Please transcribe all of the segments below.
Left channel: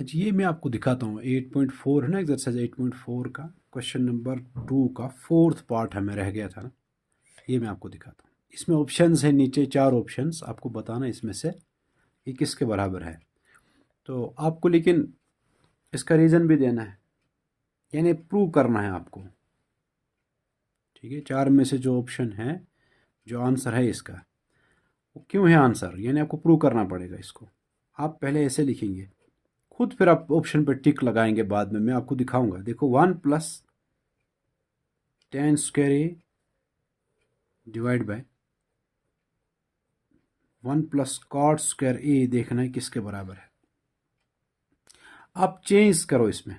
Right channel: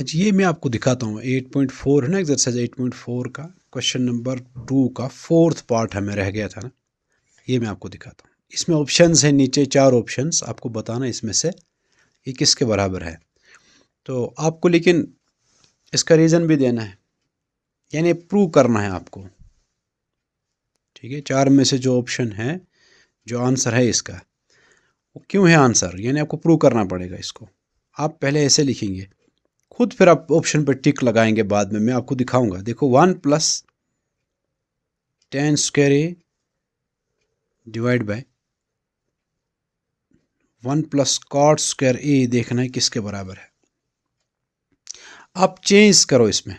अच्छा, ये मैं आपको दिखाता हूँ 8.4 है ना, एक्सरसाइज 8.4 का क्वेश्चन नंबर 2 का फोर्थ पार्ट हमें रह गया था ना। ये मैं आपको दिखाता हूँ। इसमें ऑप्शंस हैं, नीचे 4 ऑप्शंस, आपको बताना इसमें से ये किसके बराबर है। तो आपको लेकिन इसका रीज़न भी देना है, यानी प्रूव करना है आपको। ठीक है, 4 में से जो ऑप्शन है, जो आंसर है इसका, वो क्यों है आंसर, यानी आपको प्रूव करना पड़ेगा इसको। आप पहले ऐसे लिखेंगे खुद, फिर आप ऑप्शन पर टिक लगाएंगे बाद में, मैं आपको दिखाऊंगा। देखो 1 plus tan square A divide by 1 plus cot square A, देखना है किसके बराबर है। आप चेंज करो इसमें,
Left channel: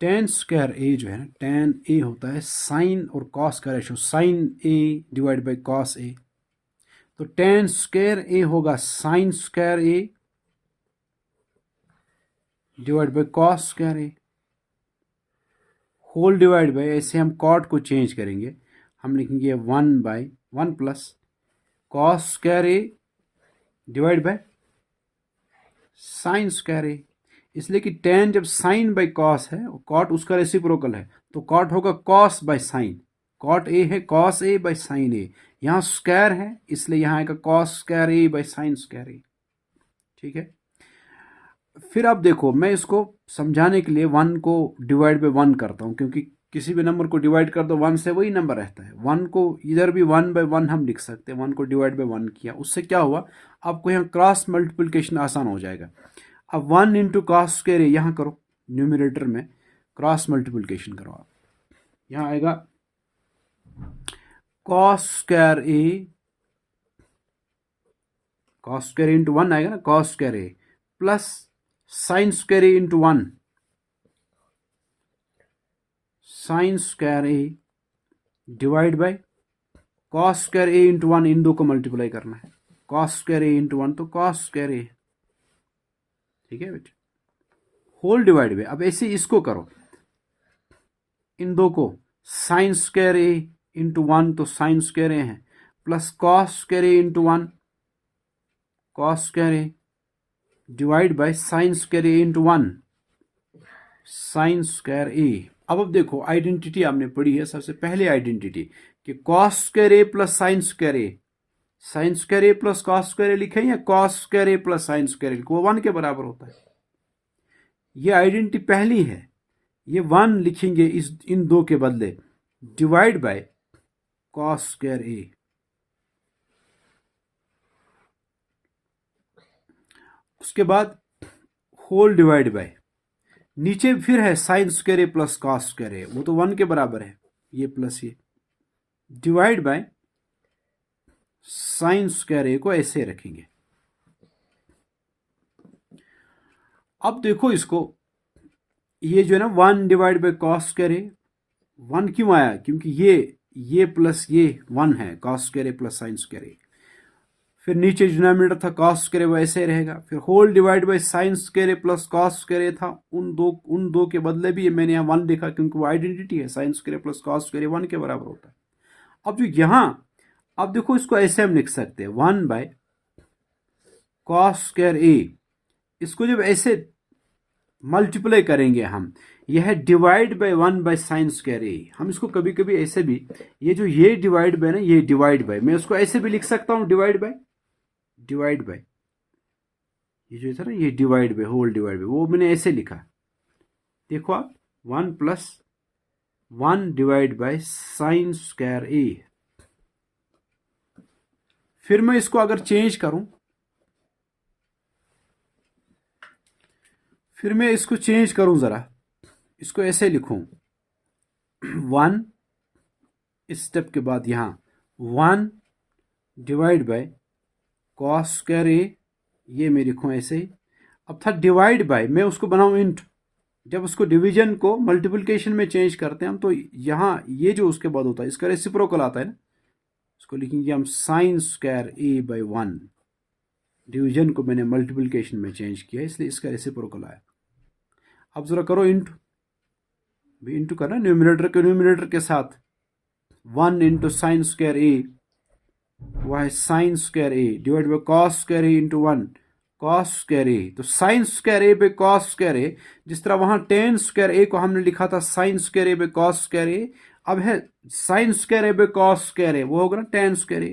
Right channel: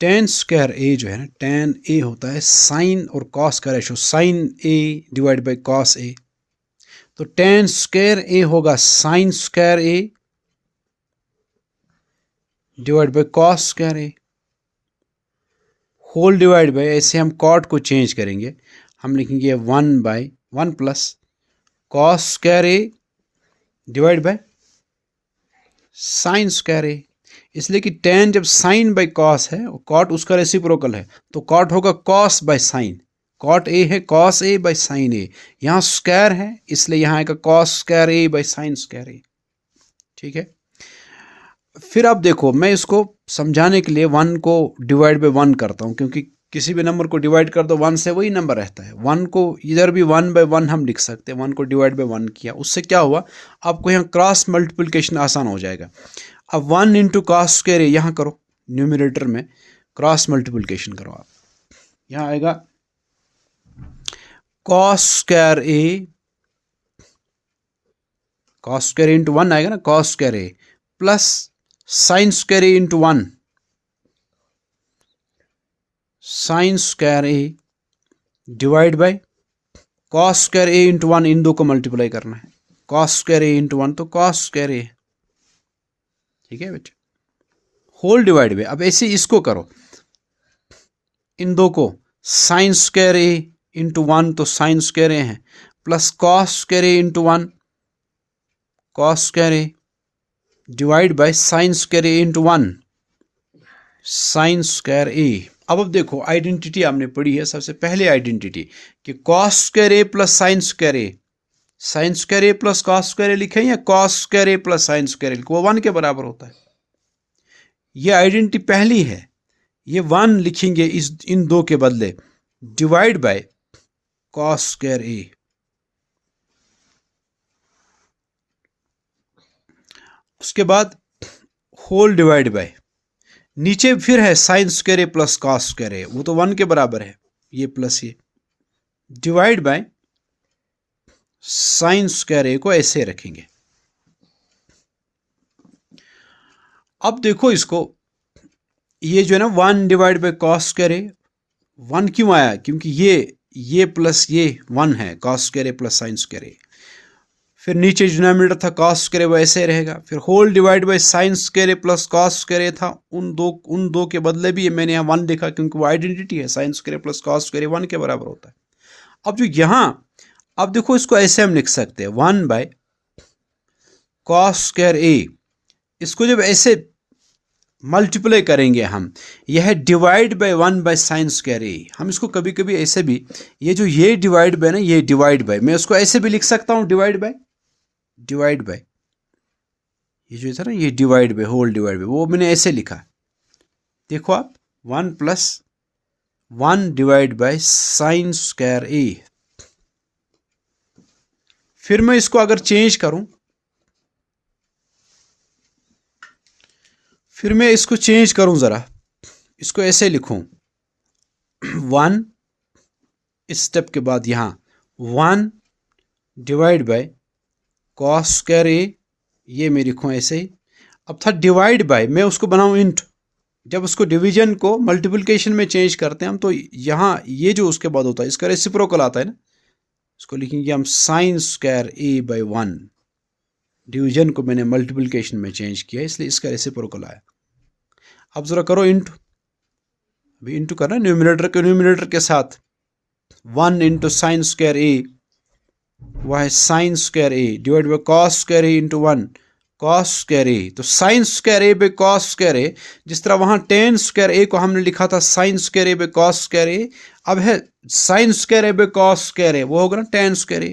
टेन स्क्वायर ए जो है ना, टेन ए होता है साइन और कॉस का ratio, sine A divide by cos A. तो टेन स्क्वायर ए होगा sine square A divide by cos square A, whole divide by, ऐसे हम कॉट को चेंज करेंगे, हम लिखेंगे 1 plus cos square A divide by sine square A. इसलिए कि टेन जब साइन बाय कॉस है, कॉट उसका रेसिप्रोकल है, तो कॉट होगा cos by sine. Cot A है कॉस ए बाय साइन ए, यहाँ स्क्वायर है इसलिए यहाँ आएगा cos square A by sine square A. ठीक है, फिर आप देखो, मैं इसको समझाने के लिए 1 को डिवाइड बाय 1 करता हूँ, क्योंकि किसी भी नंबर को डिवाइड कर दो 1 से, वही नंबर रहता है। 1 को इधर भी 1 बाय 1 हम लिख सकते हैं, 1 को डिवाइड बाय 1 किया, उससे क्या हुआ, आपको यहाँ क्रॉस मल्टीप्लिकेशन आसान हो जाएगा। अब 1 इंटू कॉस स्क्वायर ए यहाँ करो, न्यूमिनेटर में क्रॉस मल्टीप्लिकेशन करो आप, यहाँ आएगा कॉस स्क्वायर ए, कॉस स्क्वायर इंटू 1 आएगा ना, cos square A plus sine square A into 1, sine square A divide by cos square A into 1, इन दो को मल्टीप्लाई करना है, कॉस स्क्वायर ए इंटू 1 तो कॉस स्क्वायर ए। ठीक है बेटा, होल डिवाइड बाय, अब ऐसे इसको करो, इन दो को, साइन स्क्वायर ए इंटू 1 तो साइन स्क्वायर ए है, plus cos square A into 1 cos square A divide by sine square A into 1 sine square A. अब देखो, आइडेंटिटी आपने पढ़ी है, सबसे पहले आइडेंटिटी कि cos square A plus sine square A, sign square A plus cos square ए लिखें या cos square A plus sine square A, वो 1 के बराबर होता है। ये आइडेंटिटी पहली है, ये 1 लिखेंगे इस इन दो के बदले, डिवाइड बाय कॉस स्क्वायर ए। उसके बाद होल डिवाइड बाय, नीचे फिर है sine square A plus cos square A, वो तो 1 के बराबर है, ये प्लस ये, डिवाइड बाय साइन स्क्वायर ए को ऐसे रखेंगे। अब देखो इसको, ये जो है ना 1 divide by cos square A, 1 क्यों आया, क्योंकि ये प्लस ये 1 है, cos square A plus sine square A. फिर नीचे डिनोमिनेटर था कॉस स्क्वायर ए, वो ऐसे रहेगा। फिर whole divide by sine square A plus cos square A था, उन दो के बदले भी मैंने यहाँ 1 लिखा, क्योंकि वो आइडेंटिटी है, sine square A plus cos square A 1 के बराबर होता है। अब जो यहाँ, अब देखो इसको ऐसे हम लिख सकते हैं 1 बाय कॉस स्क्वायर ए, इसको जब ऐसे मल्टीप्लाई करेंगे हम, यह है divide by 1 by sine square A. हम इसको कभी कभी ऐसे भी, ये जो ये डिवाइड बाय ना, ये डिवाइड बाय, मैं उसको ऐसे भी लिख सकता हूँ डिवाइड बाय, ये जो था ना, ये divide by, whole divide by, वो मैंने ऐसे लिखा। देखो आप 1 plus 1 divide by sine square A. फिर मैं इसको अगर चेंज करूं, फिर मैं इसको चेंज करूं जरा, इसको ऐसे लिखूं 1, इस स्टेप के बाद यहां 1 डिवाइड बाय कॉस स्क्वायर ए, ये मैं लिखूं ऐसे ही। अब था डिवाइड बाय, मैं उसको बनाऊं इंट, जब उसको डिवीजन को मल्टीप्लिकेशन में चेंज करते हैं हम, तो यहाँ ये जो उसके बाद होता है, इसका रेसिप्रोकल आता है ना, इसको लिखेंगे हम sign square A bye 1, division को मैंने मल्टीप्लिकेशन में चेंज किया इसलिए इसका रेसिप्रोकल आया। अब जरा करो इंटू, अभी इंटू करना न्यूमिनेटर के साथ, 1 इंटू साइन स्क्वायर ए, वह है sine square A divide by cos square A into 1 cos square A, तो sine square A by cos square A, जिस तरह वहां टेन स्क्वायर ए को हमने लिखा था sine square A by cos square A, अब है sine square A by cos square A, वो होगा ना टेन स्क्वायर ए,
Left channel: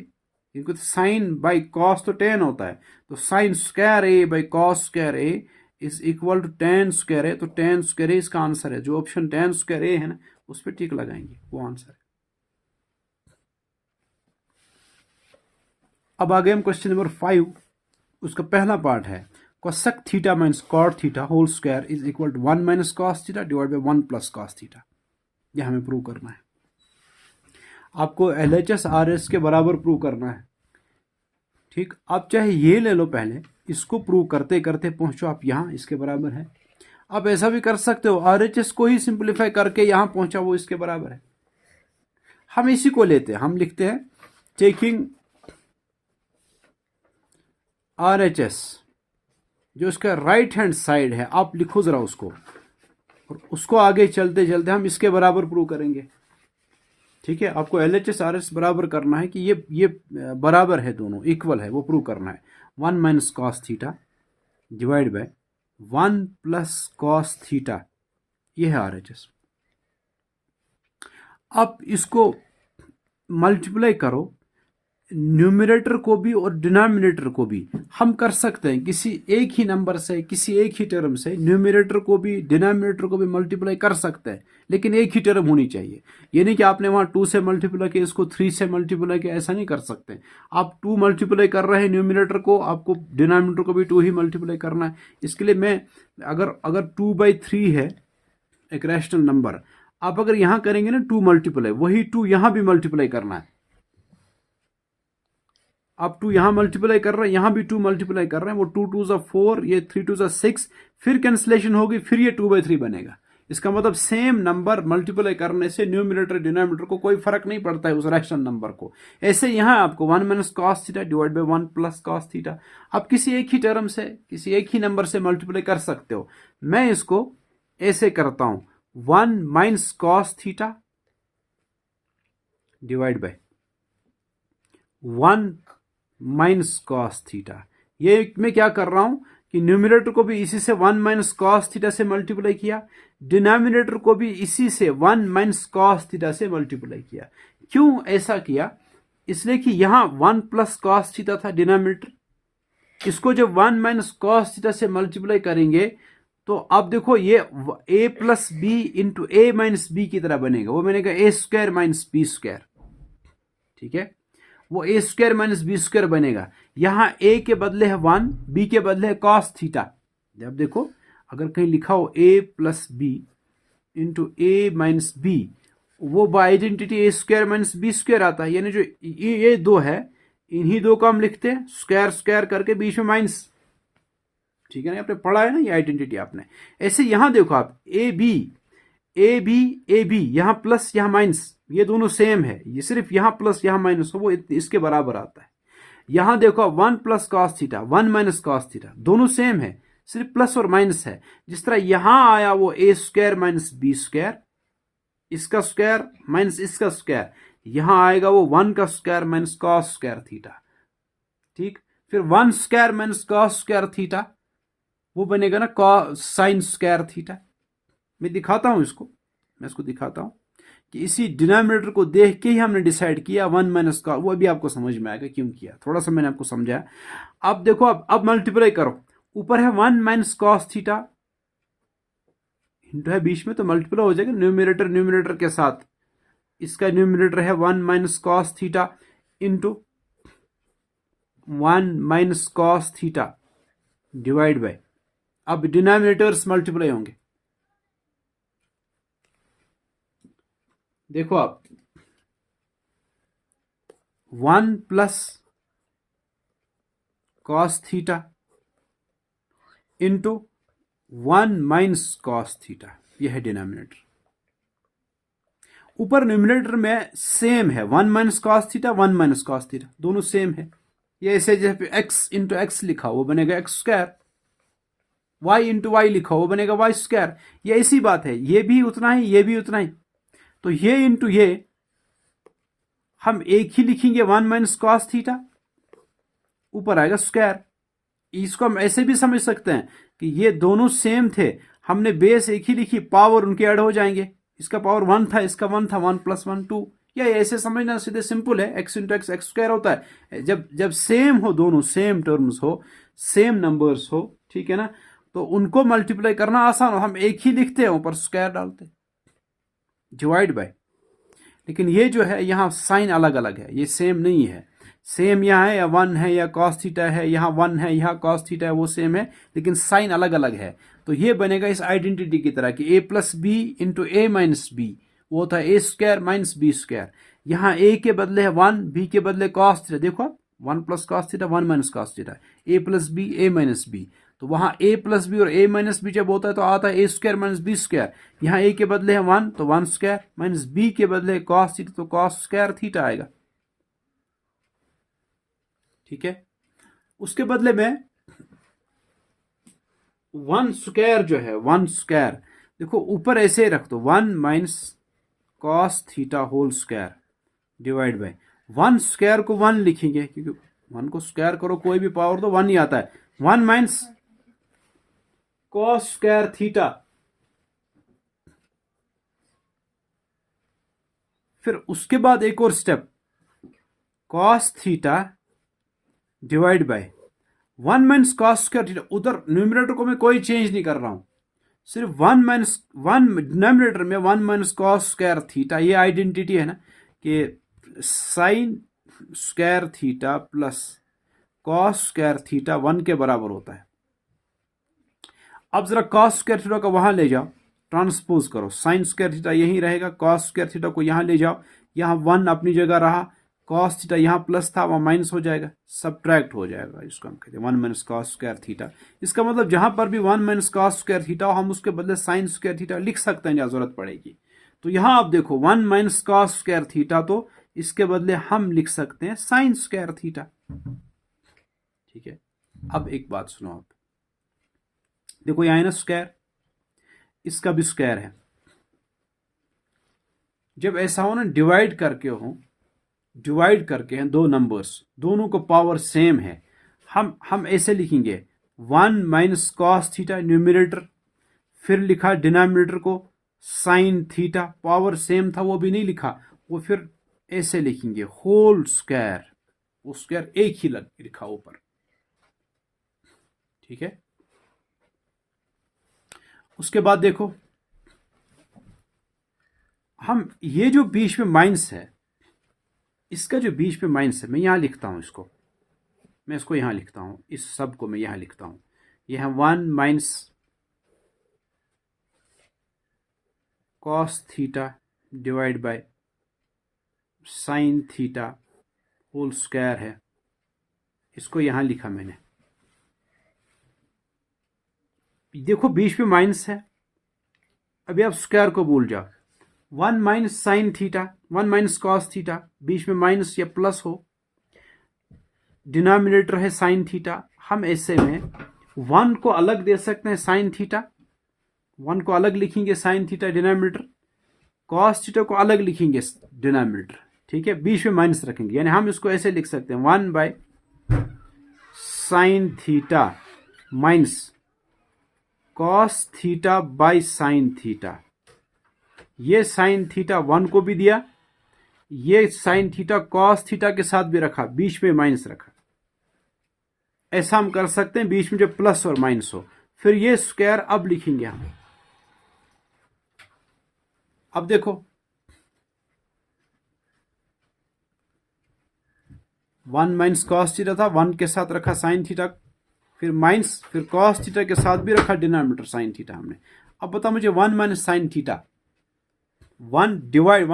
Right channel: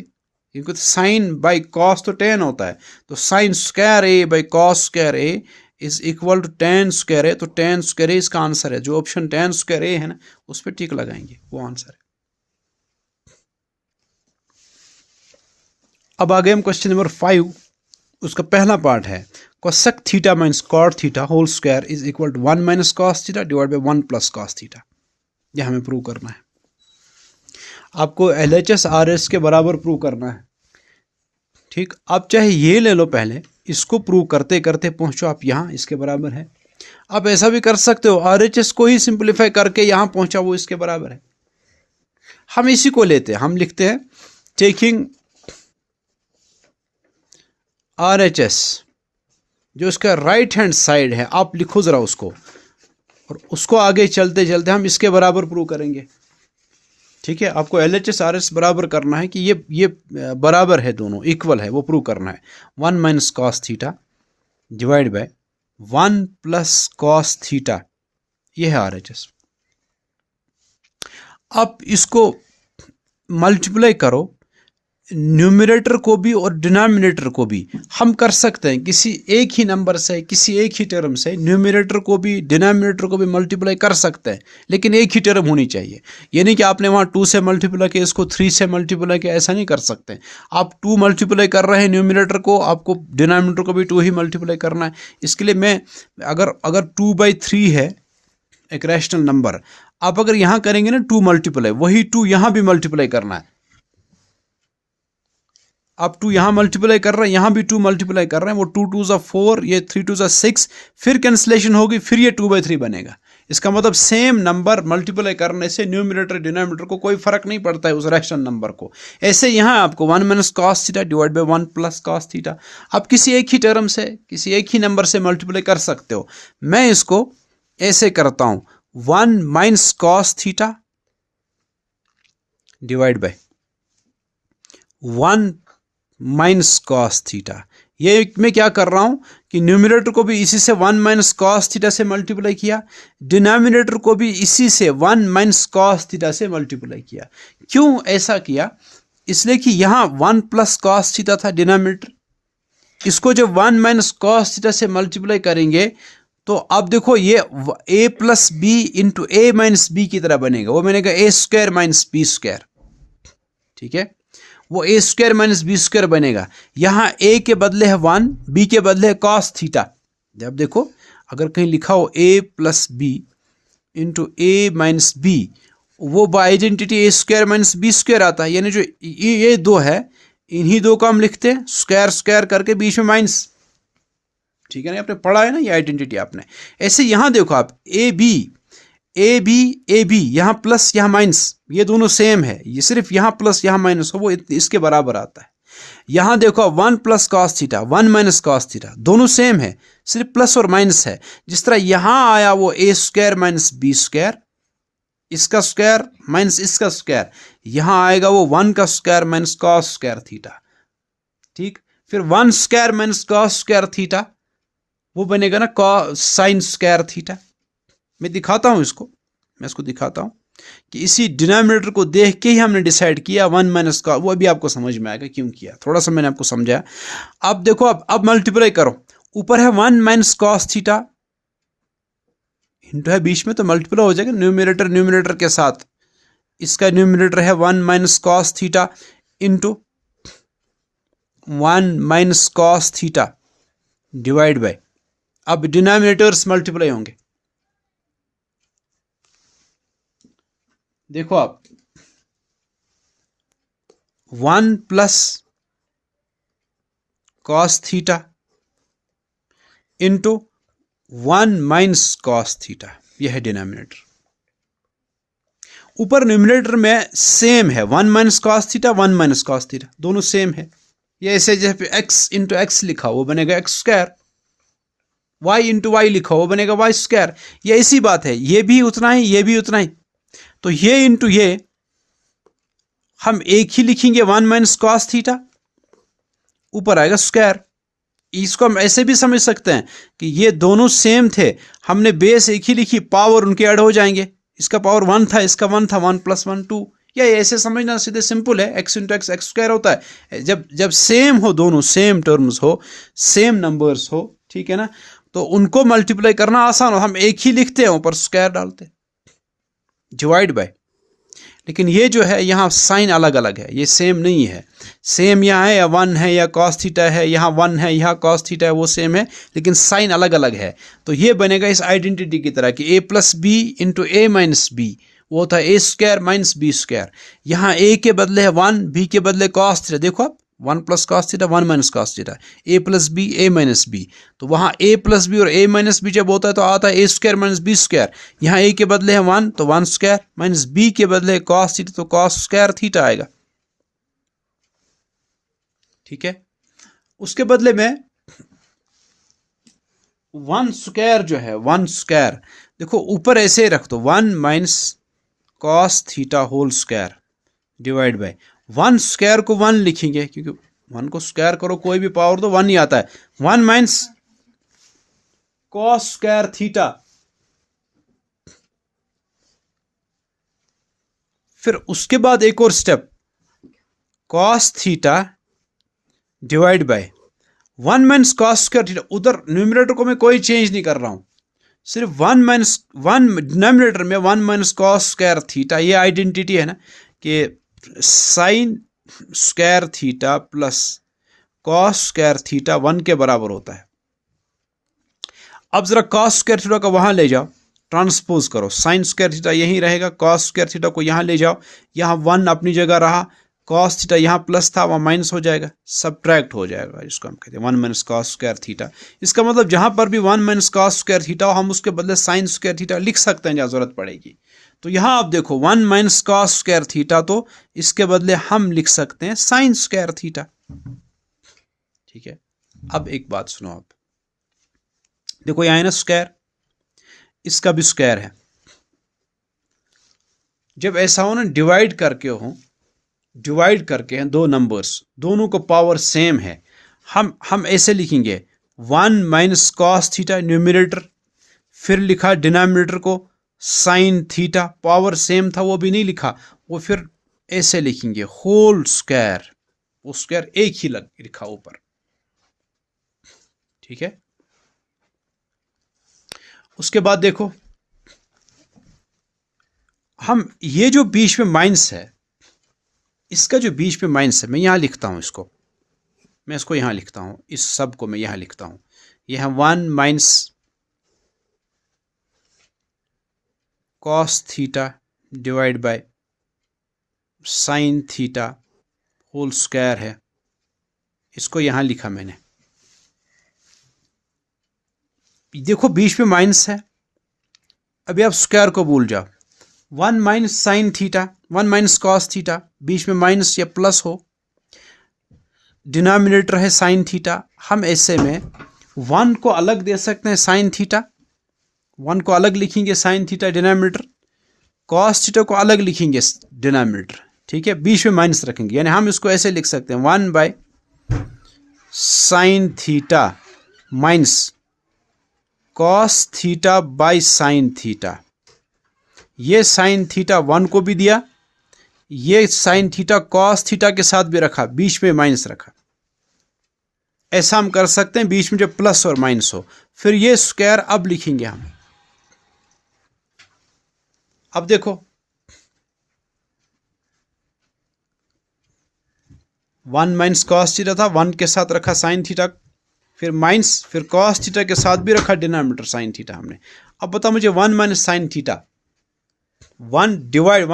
क्योंकि साइन बाई कॉस तो टेन होता है, तो sine square A by cos square A is equal to tan square A, तो टेन स्क्वायर ए इसका आंसर है। जो ऑप्शन टेन स्क्वायर ए है ना उस पर टिक लगाएंगे, वो आंसर है। अब आ गए हम क्वेश्चन नंबर 5, उसका पहला पार्ट है cosec theta minus cot theta whole square is equal to 1 minus cos theta divide by 1 plus cos theta. यह हमें प्रूव करना है, आपको LHS RS के बराबर प्रूव करना है। ठीक, आप चाहे ये ले लो, पहले इसको प्रूव करते करते पहुंचो आप यहाँ, इसके बराबर है। आप ऐसा भी कर सकते हो, RHS को ही सिंप्लीफाई करके यहाँ पहुंचा, वो इसके बराबर है। हम इसी को लेते हैं, हम लिखते हैं टेकिंग RHS, जो इसका राइट हैंड साइड है, आप लिखो ज़रा उसको, और उसको आगे चलते चलते हम इसके बराबर प्रूव करेंगे। ठीक है, आपको LHS RS बराबर करना है कि ये बराबर है, दोनों इक्वल है, वो प्रूव करना है। 1 minus cos theta divide by 1 plus cos theta, ये है RHS। आप इसको मल्टीप्लाई करो, न्यूमरेटर को भी और डिनोमिनेटर को भी हम कर सकते हैं किसी एक ही नंबर से, किसी एक ही टर्म से न्यूमरेटर को भी डिनोमिनेटर को भी मल्टीप्लाई कर सकते हैं, लेकिन एक ही टर्म होनी चाहिए। ये नहीं कि आपने वहाँ 2 से मल्टीप्लाई किया, इसको 3 से मल्टीप्लाई किया, ऐसा नहीं कर सकते। आप 2 मल्टीप्लाई कर रहे हैं न्यूमरेटर को, आपको डिनोमिनेटर को भी 2 ही मल्टीप्लाई करना है। इसके लिए मैं अगर 2/3 है एक रैशनल नंबर, आप अगर यहाँ करेंगे ना 2 मल्टीप्लाई, वही 2 यहाँ भी मल्टीप्लाई करना है। आप 2 यहाँ मल्टीप्लाई कर रहे हैं, यहाँ भी 2 मल्टीप्लाई कर रहे हैं, वो 2 2 ज़ा 4, ये 3 2 ज़ा 6, फिर कैंसलेशन होगी, फिर ये 2/3 बनेगा। इसका मतलब सेम नंबर मल्टीप्लाई करने से न्यूमरेटर डिनोमिनेटर को कोई फर्क नहीं पड़ता है उस रैशनल नंबर को। ऐसे यहाँ आपको 1 minus cos theta divide by 1 plus cos theta, आप किसी एक ही टर्म से, किसी एक ही नंबर से मल्टीप्लाई कर सकते हो। मैं इसको ऐसे करता हूँ, 1 minus cos theta divide by 1 minus cos theta. ये मैं क्या कर रहा हूं कि न्यूमरेटर को भी इसी से 1 माइनस कॉस थीटा से मल्टीप्लाई किया, डिनोमिनेटर को भी इसी से 1 माइनस कॉस थीटा से मल्टीप्लाई किया। क्यों ऐसा किया? इसलिए कि यहाँ 1 प्लस कॉस थीटा था डिनोमिनेटर, इसको जब 1 माइनस कॉस थीटा से मल्टीप्लाई करेंगे तो अब देखो ये a plus B into A minus b की तरह बनेगा, वो बनेगा a square minus B square. ठीक है, वो a square minus B square बनेगा। यहाँ a के बदले है 1, b के बदले है कॉस थीटा। जब देखो अगर कहीं लिखा हो a plus B into A minus B, वो by identity a square minus B square आता है, यानी जो ये 2 है, इन्हीं 2 का हम लिखते हैं स्क्वायर स्क्वायर करके बीच में माइनस। ठीक है ना, आपने पढ़ा है ना ये आइडेंटिटी आपने। ऐसे यहाँ देखो आप ए बी यहाँ प्लस यहाँ माइनस, ये दोनों सेम है, ये सिर्फ यहाँ प्लस यहाँ माइनस हो वो इसके बराबर आता है। यहाँ देखो 1 plus cos theta 1 minus cos theta, दोनों सेम है, सिर्फ प्लस और माइनस है। जिस तरह यहाँ आया वो a square minus B square, इसका स्क्वायर माइनस इसका स्क्वायर, यहाँ आएगा वो 1 का square minus cos square theta. ठीक, फिर 1 square minus cos square theta, वो बनेगा ना साइन स्क्वायर थीटा। मैं दिखाता हूं इसको, मैं इसको दिखाता हूं कि इसी डिनोमिनेटर को देख के ही हमने डिसाइड किया 1 माइनस का, वो अभी आपको समझ में आएगा क्यों किया, थोड़ा सा मैंने आपको समझाया। अब देखो अब मल्टीप्लाई करो, ऊपर है 1 माइनस कॉस थीटा, इंटू है बीच में, तो मल्टीप्लाई हो जाएगा न्यूमरेटर के साथ। इसका न्यूमरेटर है 1 minus cos theta into 1 minus cos theta divide bye, अब डिनोमिनेटर्स मल्टीप्लाई होंगे। देखो आप 1 plus cos theta into 1 minus cos theta, यह है डिनोमिनेटर। ऊपर न्यूमरेटर में सेम है 1 minus cos theta 1 minus cos theta, दोनों सेम है। ये ऐसे जैसे x इंटू एक्स लिखा वो बनेगा x square, y into y लिखा वो बनेगा वाई स्क्वायर। ये इसी बात है, ये भी उतना ही ये भी उतना ही, तो ये इंटू ये हम एक ही लिखेंगे 1 माइनस कॉस थीटा, ऊपर आएगा स्क्वायर, इसको हम ऐसे भी समझ सकते हैं कि ये दोनों सेम थे, हमने बेस एक ही लिखी, पावर उनके ऐड हो जाएंगे। इसका पावर 1 था, इसका 1 था, 1 + 1 2। या ऐसे समझना सीधे सिंपल है, x × x x² होता है। जब सेम हो, दोनों सेम टर्म्स हो, सेम नंबर्स हो, ठीक है ना, तो उनको मल्टीप्लाई करना आसान हो, हम एक ही लिखते हैं, ऊपर स्क्वायर डालते हैं, डिवाइड बाय। लेकिन ये जो है यहाँ साइन अलग अलग है, ये सेम नहीं है। सेम यहाँ है, या 1 है, या cos थीटा है, यहाँ 1 है, यहाँ cos थीटा है, वो सेम है, लेकिन साइन अलग अलग है। तो ये बनेगा इस आइडेंटिटी की तरह कि a + b × a - b, वो होता है a² - b²। यहाँ a के बदले है 1, b के बदले cos थीटा। देखो आप, 1 + cos theta, 1 - cos theta, a + b a - b। तो वहाँ a + b और a - b जब होता है तो आता है a² - b²। यहाँ a के बदले है 1, तो 1² - b के बदले है cos थीटा, तो cos² थीटा आएगा। ठीक है, उसके बदले में 1² जो है, 1², देखो ऊपर ऐसे रख दो, 1 - cos theta whole square divide by 1² को 1 लिखेंगे, क्योंकि 1 को स्क्वायर करो, कोई भी पावर दो 1 ही आता है। 1 - cos² थीटा। फिर उसके बाद एक और step, cos theta divide by 1 - cos² theta. उधर न्यूमरेटर को मैं कोई चेंज नहीं कर रहा हूं, सिर्फ 1 डिनोमिनेटर में 1 - cos² थीटा। ये आइडेंटिटी है ना कि sin² theta plus cos² theta 1 के बराबर होता है। अब जरा cos² थीटा को वहां ले जाओ, ट्रांसपोज करो, sin² थीटा यहीं रहेगा, cos² थीटा को यहां ले जाओ, यहां 1 अपनी जगह रहा, cos थीटा यहाँ प्लस था, वहाँ माइनस हो जाएगा, सब्ट्रैक्ट हो जाएगा। इसको हम कहते हैं 1 - cos² थीटा। इसका मतलब जहां पर भी 1 - cos² थीटा हो, हम उसके बदले sin² थीटा लिख सकते हैं जहां जरूरत पड़ेगी। तो यहाँ आप देखो 1 - cos² थीटा, तो इसके बदले हम लिख सकते हैं sin² थीटा। ठीक है, अब एक बात सुनो आप, देखो यहाँ है ना स्क्वायर, इसका भी स्क्वायर है। जब ऐसा हो ना, डिवाइड करके हैं दो नंबर्स, दोनों को पावर सेम है, हम ऐसे लिखेंगे 1 - cos थीटा न्यूमरेटर, फिर लिखा डिनोमिनेटर को sin थीटा, पावर सेम था वो भी नहीं लिखा, वो फिर ऐसे लिखेंगे होल स्क्वायर, वो स्क्वायर एक ही लिखा ऊपर। ठीक है, उसके बाद देखो, हम ये जो बीच में माइनस है, इसका जो बीच में माइनस है, मैं यहां लिखता हूं इसको, मैं इसको यहां लिखता हूं, इस सब को मैं यहां लिखता हूं, ये है 1 - cos theta divide by sin theta whole square है, इसको यहां लिखा मैंने। देखो बीच में माइनस है, अभी आप स्क्वायर को भूल जाओ, 1 - sin थीटा, 1 - cos थीटा, बीच में माइनस या प्लस हो, डिनोमिनेटर है sin थीटा। हम ऐसे में 1 को अलग दे सकते हैं, sin थीटा 1 को अलग लिखेंगे, sin theta denominator, cos theta को अलग लिखेंगे डिनोमिनेटर। ठीक है, बीच में माइनस रखेंगे, यानी हम इसको ऐसे लिख सकते हैं 1 / sin theta minus cos theta by sin theta. ये sin थीटा 1 को भी दिया, ये sin थीटा cos थीटा के साथ भी रखा, बीच में माइनस रखा। ऐसा हम कर सकते हैं बीच में जब प्लस और माइनस हो। फिर ये स्क्वायर अब लिखेंगे हम। अब देखो 1 - cos थीटा था, 1 के साथ रखा sin थीटा, फिर माइनस, फिर cos थीटा के साथ भी रखा डिनोमिनेटर sin थीटा हमने। अब बताओ मुझे 1 - sin theta, 1 divide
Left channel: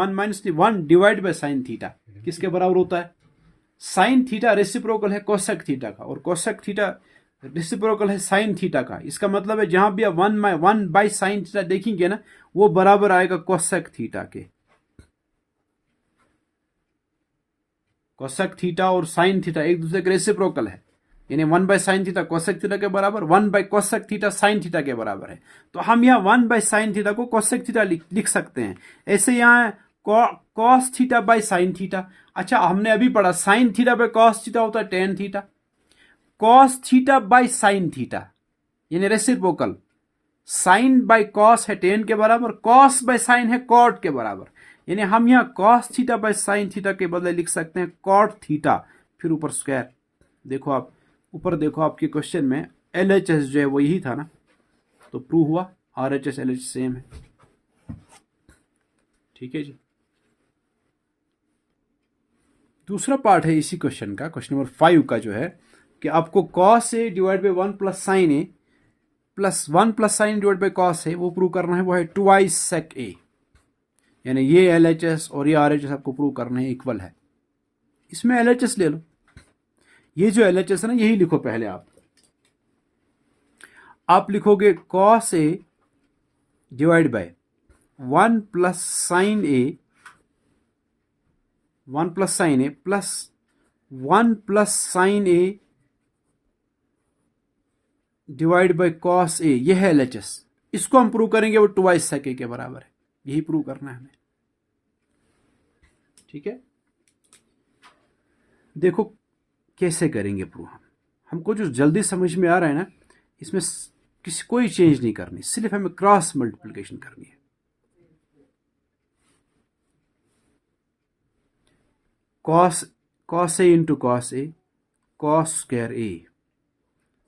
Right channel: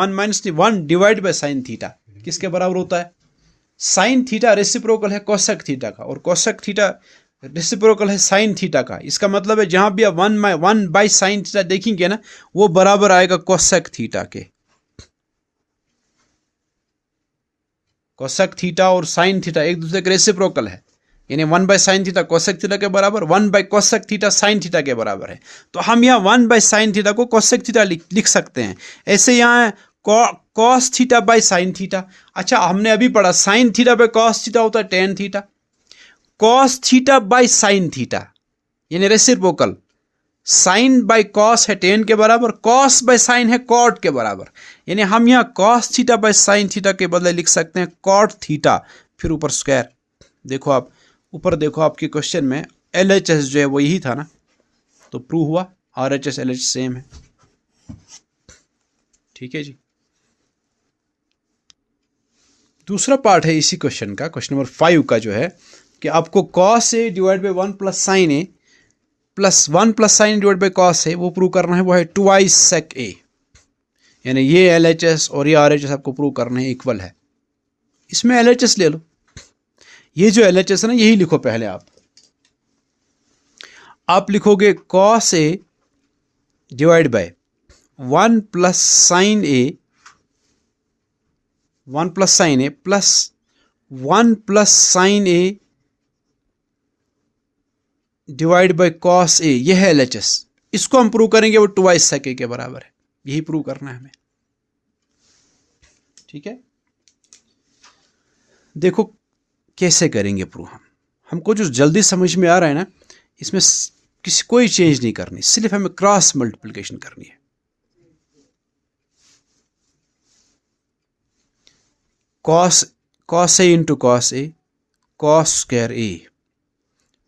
by sin theta किसके बराबर होता है? sin थीटा रेसिप्रोकल है cosec थीटा का, और cosec थीटा रेसिप्रोकल है sin थीटा का। इसका मतलब है जहां भी आप 1 बाई sin थीटा देखेंगे ना, वो बराबर आएगा cosec थीटा के। cosec थीटा और sin थीटा एक दूसरे के रेसिप्रोकल है, यानी 1 by sin theta cosec theta के बराबर, 1 by cosec theta sin theta के बराबर है। तो हम यहाँ 1 बाई sin थीटा को cosec थीटा लिख सकते हैं। ऐसे यहाँ cos theta by sin theta. अच्छा, हमने अभी पढ़ा sin theta by cos theta होता है tan theta, cos theta by sine theta, यानी रेसिप्रोकल। साइन बाई कॉस है टेन के बराबर, कॉस बाई साइन है कॉट के बराबर, यानी हम यहाँ cos theta by sine theta के बदले लिख सकते हैं कॉट थीटा, फिर ऊपर स्क्वायर। देखो आप ऊपर देखो, आपके क्वेश्चन में LHS जो है वो यही था ना, तो प्रूव हुआ RHS LHS सेम है। ठीक है जी। दूसरा पार्ट है इसी क्वेश्चन का, क्वेश्चन नंबर 5 का, जो है कि आपको cos A divide by 1 plus sine A plus 1 plus sine divide by cos A वो प्रूव करना है, वो है ट्वाइस सेक ए, यानी ये LHS और ये RHS आपको प्रूव करना है इक्वल है। इसमें LHS ले लो, ये जो LHS है ना यही लिखो पहले। आप लिखोगे cos A divide by 1 plus sine A, 1 plus sine A plus 1 plus sine A divide by cos A, यह है LHS। इसको हम प्रूव करेंगे, वो ट्वाइस सेक ए के बराबर है, यही प्रूव करना है हमें। ठीक है, देखो कैसे करेंगे प्रूव। हमको जो जल्दी समझ में आ रहा है ना, इसमें कोई चेंज नहीं करनी, सिर्फ हमें क्रॉस मल्टीप्लिकेशन करनी है। Cos A into cos A, cos square A,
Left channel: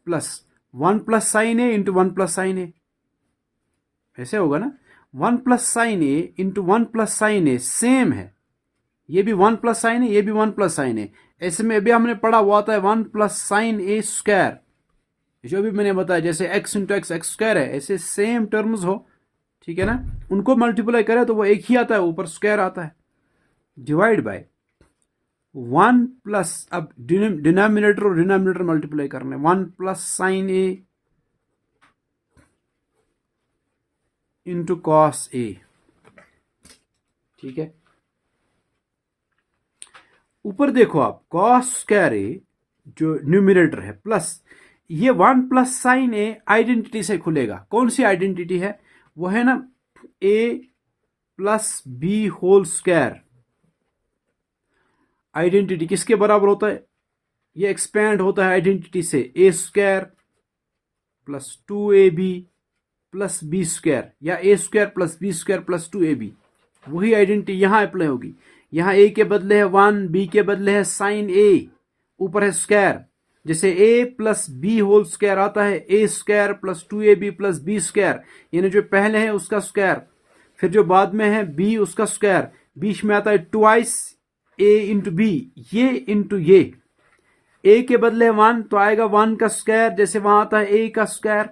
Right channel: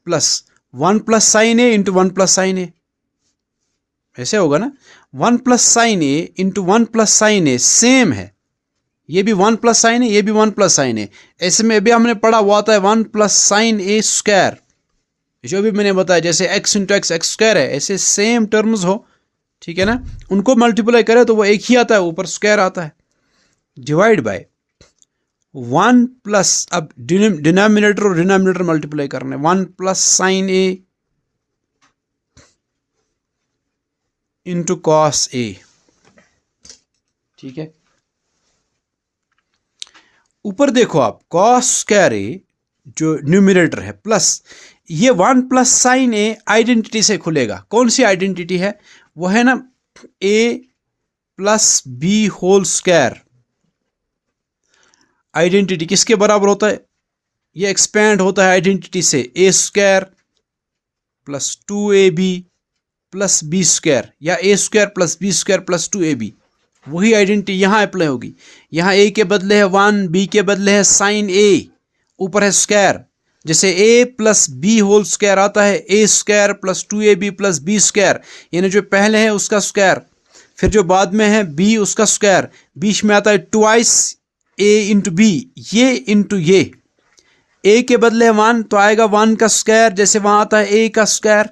plus 1 plus sine A into 1 plus sine ए, ऐसे होगा ना। 1 प्लस साइन ए इंटू 1 प्लस साइन ए सेम है, ये भी 1 प्लस साइन है, ये भी 1 प्लस साइन है। ऐसे में अभी हमने पढ़ा हुआ था 1 प्लस साइन ए स्क्वायर, जो भी मैंने बताया, जैसे x into x x square है, ऐसे सेम टर्म्स हो, ठीक है ना, उनको मल्टीप्लाई करें तो वो एक ही आता है, ऊपर स्क्वायर आता है, डिवाइड बाय 1 प्लस, अब डिनोमिनेटर और डिनोमिनेटर मल्टीप्लाई करना है, 1 plus sine A into cos A. ठीक है, ऊपर देखो आप, कॉस स्क्वायर ए जो न्यूमिनेटर है, प्लस ये 1 प्लस साइन ए आइडेंटिटी से खुलेगा। कौन सी आइडेंटिटी है? वो है ना a plus b whole square. Identity किसके बराबर होता है? ये एक्सपेंड होता है आइडेंटिटी से, a square plus 2ab plus b square, या a square plus b square plus 2ab। वही आइडेंटिटी यहाँ अप्लाई होगी। यहाँ a के बदले है 1, b के बदले है साइन a, ऊपर है स्क्वायर। जैसे a plus b whole square आता है a square plus 2ab plus b square, यानी जो पहले है उसका स्क्वायर, फिर जो बाद में है b उसका स्क्वायर, बीच में आता है ट्वाइस a इंटू बी, ये इंटू ये। a के बदले 1 तो आएगा 1 का स्क्वायर, जैसे वहां आता है a का square,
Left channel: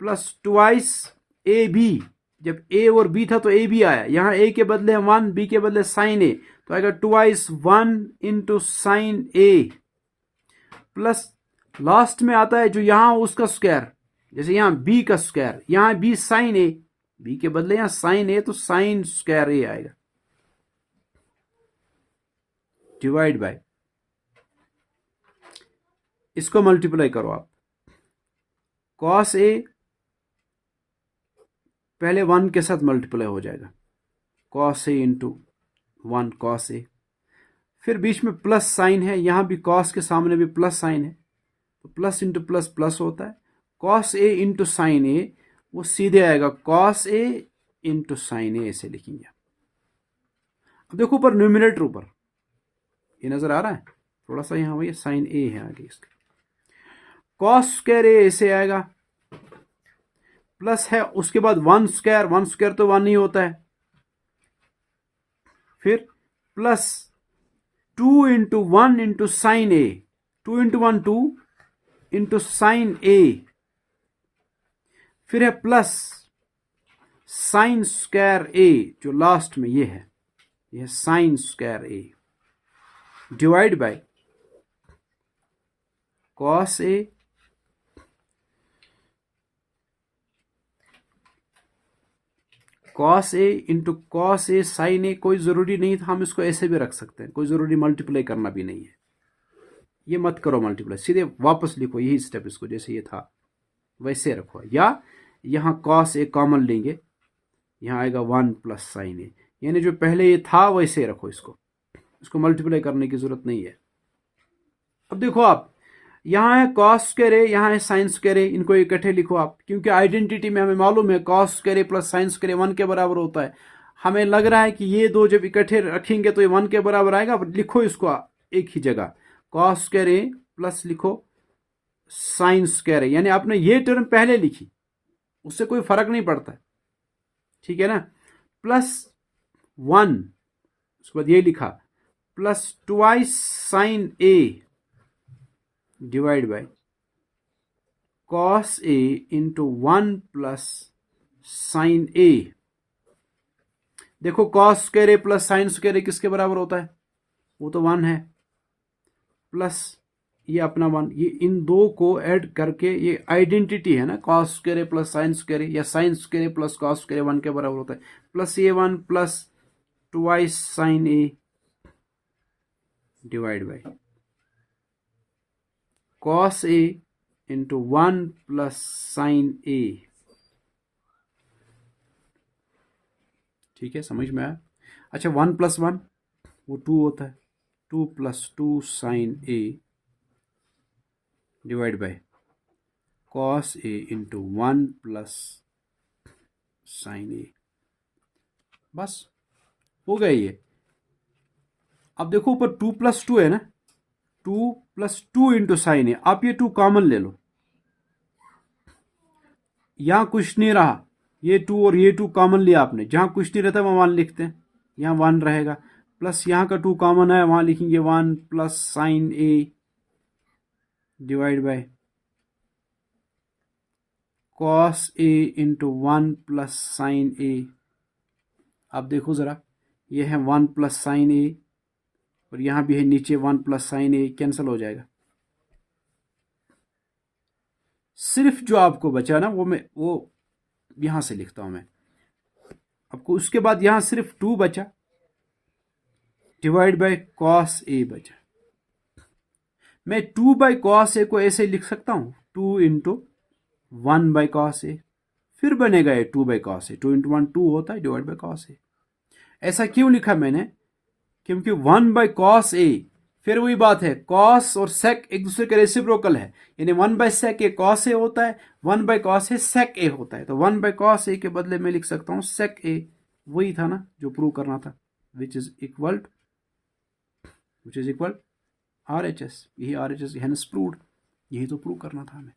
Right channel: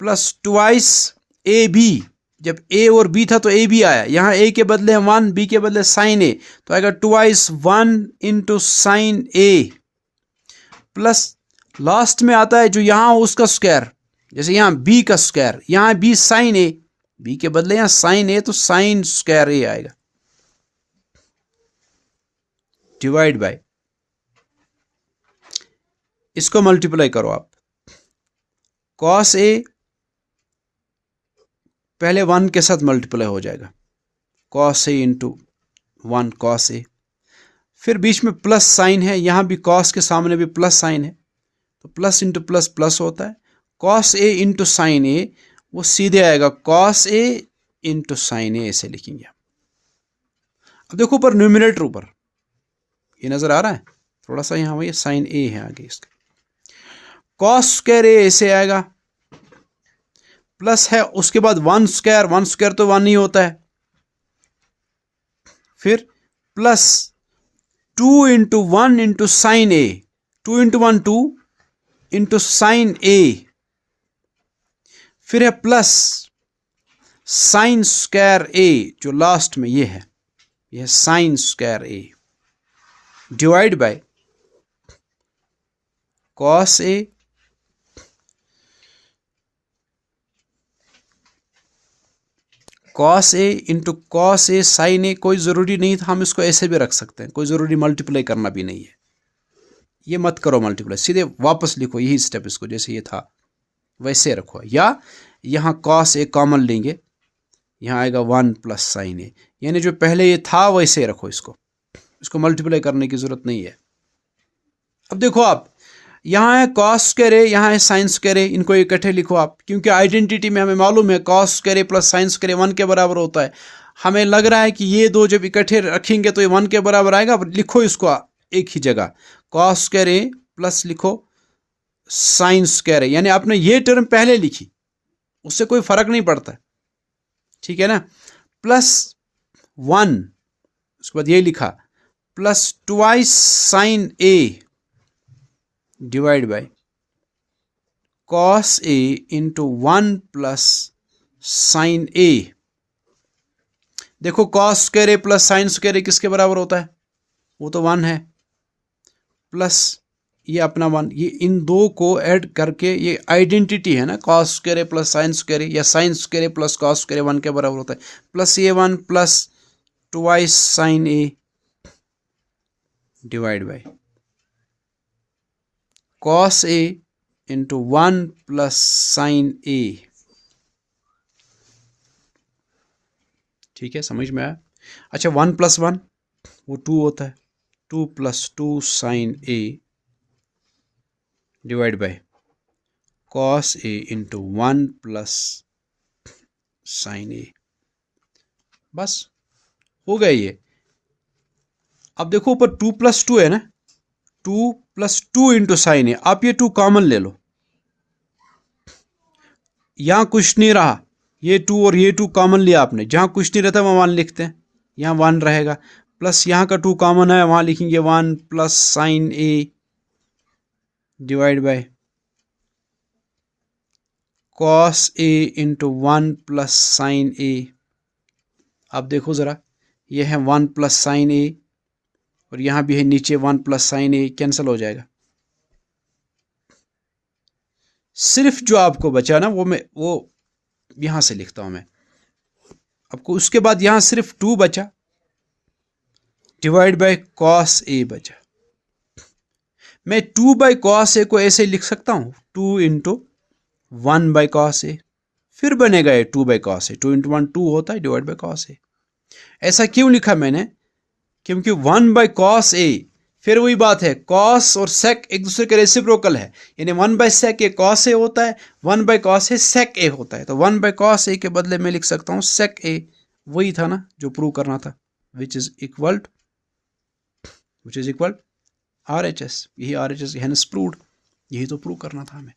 plus twice a b, जब a और b था तो a b आया, यहाँ a के बदले 1, b के बदले साइन a, तो आएगा twice 1 into sine a, plus last में आता है जो यहाँ उसका स्क्वायर, जैसे यहाँ b का स्क्वायर, यहाँ b साइन a, b के बदले यहाँ साइन a तो साइन स्क्वायर a आएगा, डिवाइड बाय, इसको मल्टीप्लाई करो आप, कॉस a पहले 1 के साथ मल्टीप्लाई हो जाएगा, cos a into 1 cos a, फिर बीच में प्लस साइन है, यहाँ भी कॉस के सामने भी प्लस साइन है, तो प्लस इंटू प्लस प्लस होता है, cos a into sine a, वो सीधे आएगा cos a into sine a, ऐसे लिखेंगे। अब देखो ऊपर न्यूमिनेटर, ऊपर ये नजर आ रहा है थोड़ा सा, यहाँ वही साइन a है आगे इसका, कॉस स्क्वायर a ऐसे आएगा, प्लस है उसके बाद 1 स्क्वायर तो 1 ही होता है, फिर plus 2 into 1 into sine a, 2 into 1 2 into sine a, फिर है प्लस साइन स्क्वायर a, जो लास्ट में ये है, यह sine square a, divide by cos a cos a into cos a sine a। कोई ज़रूरी नहीं था, हम इसको ऐसे भी रख सकते हैं, कोई ज़रूरी मल्टीप्लाई करना भी नहीं है, ये मत करो मल्टीप्लाई, सीधे वापस लिखो यही स्टेप, इसको जैसे ये था वैसे रखो, या यहाँ कॉस a कॉमन लेंगे, यहाँ आएगा 1 प्लस साइन a, यानी जो पहले ये था वैसे रखो, इसको मल्टीप्लाई करने की ज़रूरत नहीं है। अब देखो आप, यहाँ है कॉस स्क्वायर ए, यहाँ है साइन स्क्वायर ए, इनको इकट्ठे लिखो आप, क्योंकि आइडेंटिटी में हमें मालूम है cos square A plus sine square A 1 के बराबर होता है। हमें लग रहा है कि ये दो जब इकट्ठे रखेंगे तो ये 1 के बराबर आएगा। लिखो इसको एक ही जगह, कॉस स्क्वायर ए प्लस लिखो साइन स्क्वायर ए, यानी आपने ये टर्म पहले लिखी, उससे कोई फर्क नहीं पड़ता, ठीक है ना। प्लस 1, उसके बाद ये लिखा plus twice sine A divide by cos A into 1 plus sine A. देखो cos square A plus sine square A किसके बराबर होता है, वो तो 1 है, प्लस ये अपना 1, ये इन दो को ऐड करके ये आइडेंटिटी है ना, cos square A plus sine square A या sine square A plus cos square A 1 के बराबर होता है, प्लस ये 1 plus twice sine A divide by cos A into 1 plus sine A. ठीक है, समझ में आया। अच्छा 1 प्लस 1 वो 2 होता है, 2 plus 2 sine A divide by cos A into 1 plus sine A. बस हो गया ये। अब देखो ऊपर 2 प्लस 2 है ना, 2 प्लस 2 इंटू साइन ए, आप ये 2 कॉमन ले लो, यहां कुछ नहीं रहा, ये 2 और ये 2 कॉमन लिया आपने, जहां कुछ नहीं रहता वहां 1 लिखते हैं, यहाँ 1 रहेगा, प्लस यहाँ का 2 कॉमन है, वहां लिखेंगे 1 plus sine A divide by cos A into 1 plus sine A. अब देखो ज़रा, ये है 1 प्लस साइन ए और यहाँ भी है नीचे 1 प्लस साइन ए, कैंसिल हो जाएगा। सिर्फ जो आपको बचा ना वो यहाँ से लिखता हूँ मैं आपको, उसके बाद यहाँ सिर्फ 2 बचा डिवाइड बाय कॉस ए बचा। मैं 2 बाई कॉस ए को ऐसे लिख सकता हूँ, 2 इंटू 1 बाई कॉस ए, फिर बनेगा ये 2 बाई कॉस ए, 2 इंटू 1 2 होता है डिवाइड बाई कॉस ए। ऐसा क्यों लिखा मैंने, क्योंकि 1 बाई कॉस ए, फिर वही बात है, कॉस और सेक एक दूसरे के रेसिप्रोकल है, यानी 1 by sec A cos A होता है, 1 बाई कॉस ए सेक ए होता है, तो 1 बाई कॉस ए के बदले में लिख सकता हूँ सेक ए। वही था ना जो प्रूव करना था, विच इज इक्वल RHS, यही RHS हैंस प्रूव्ड, यही तो प्रूव करना था हमें।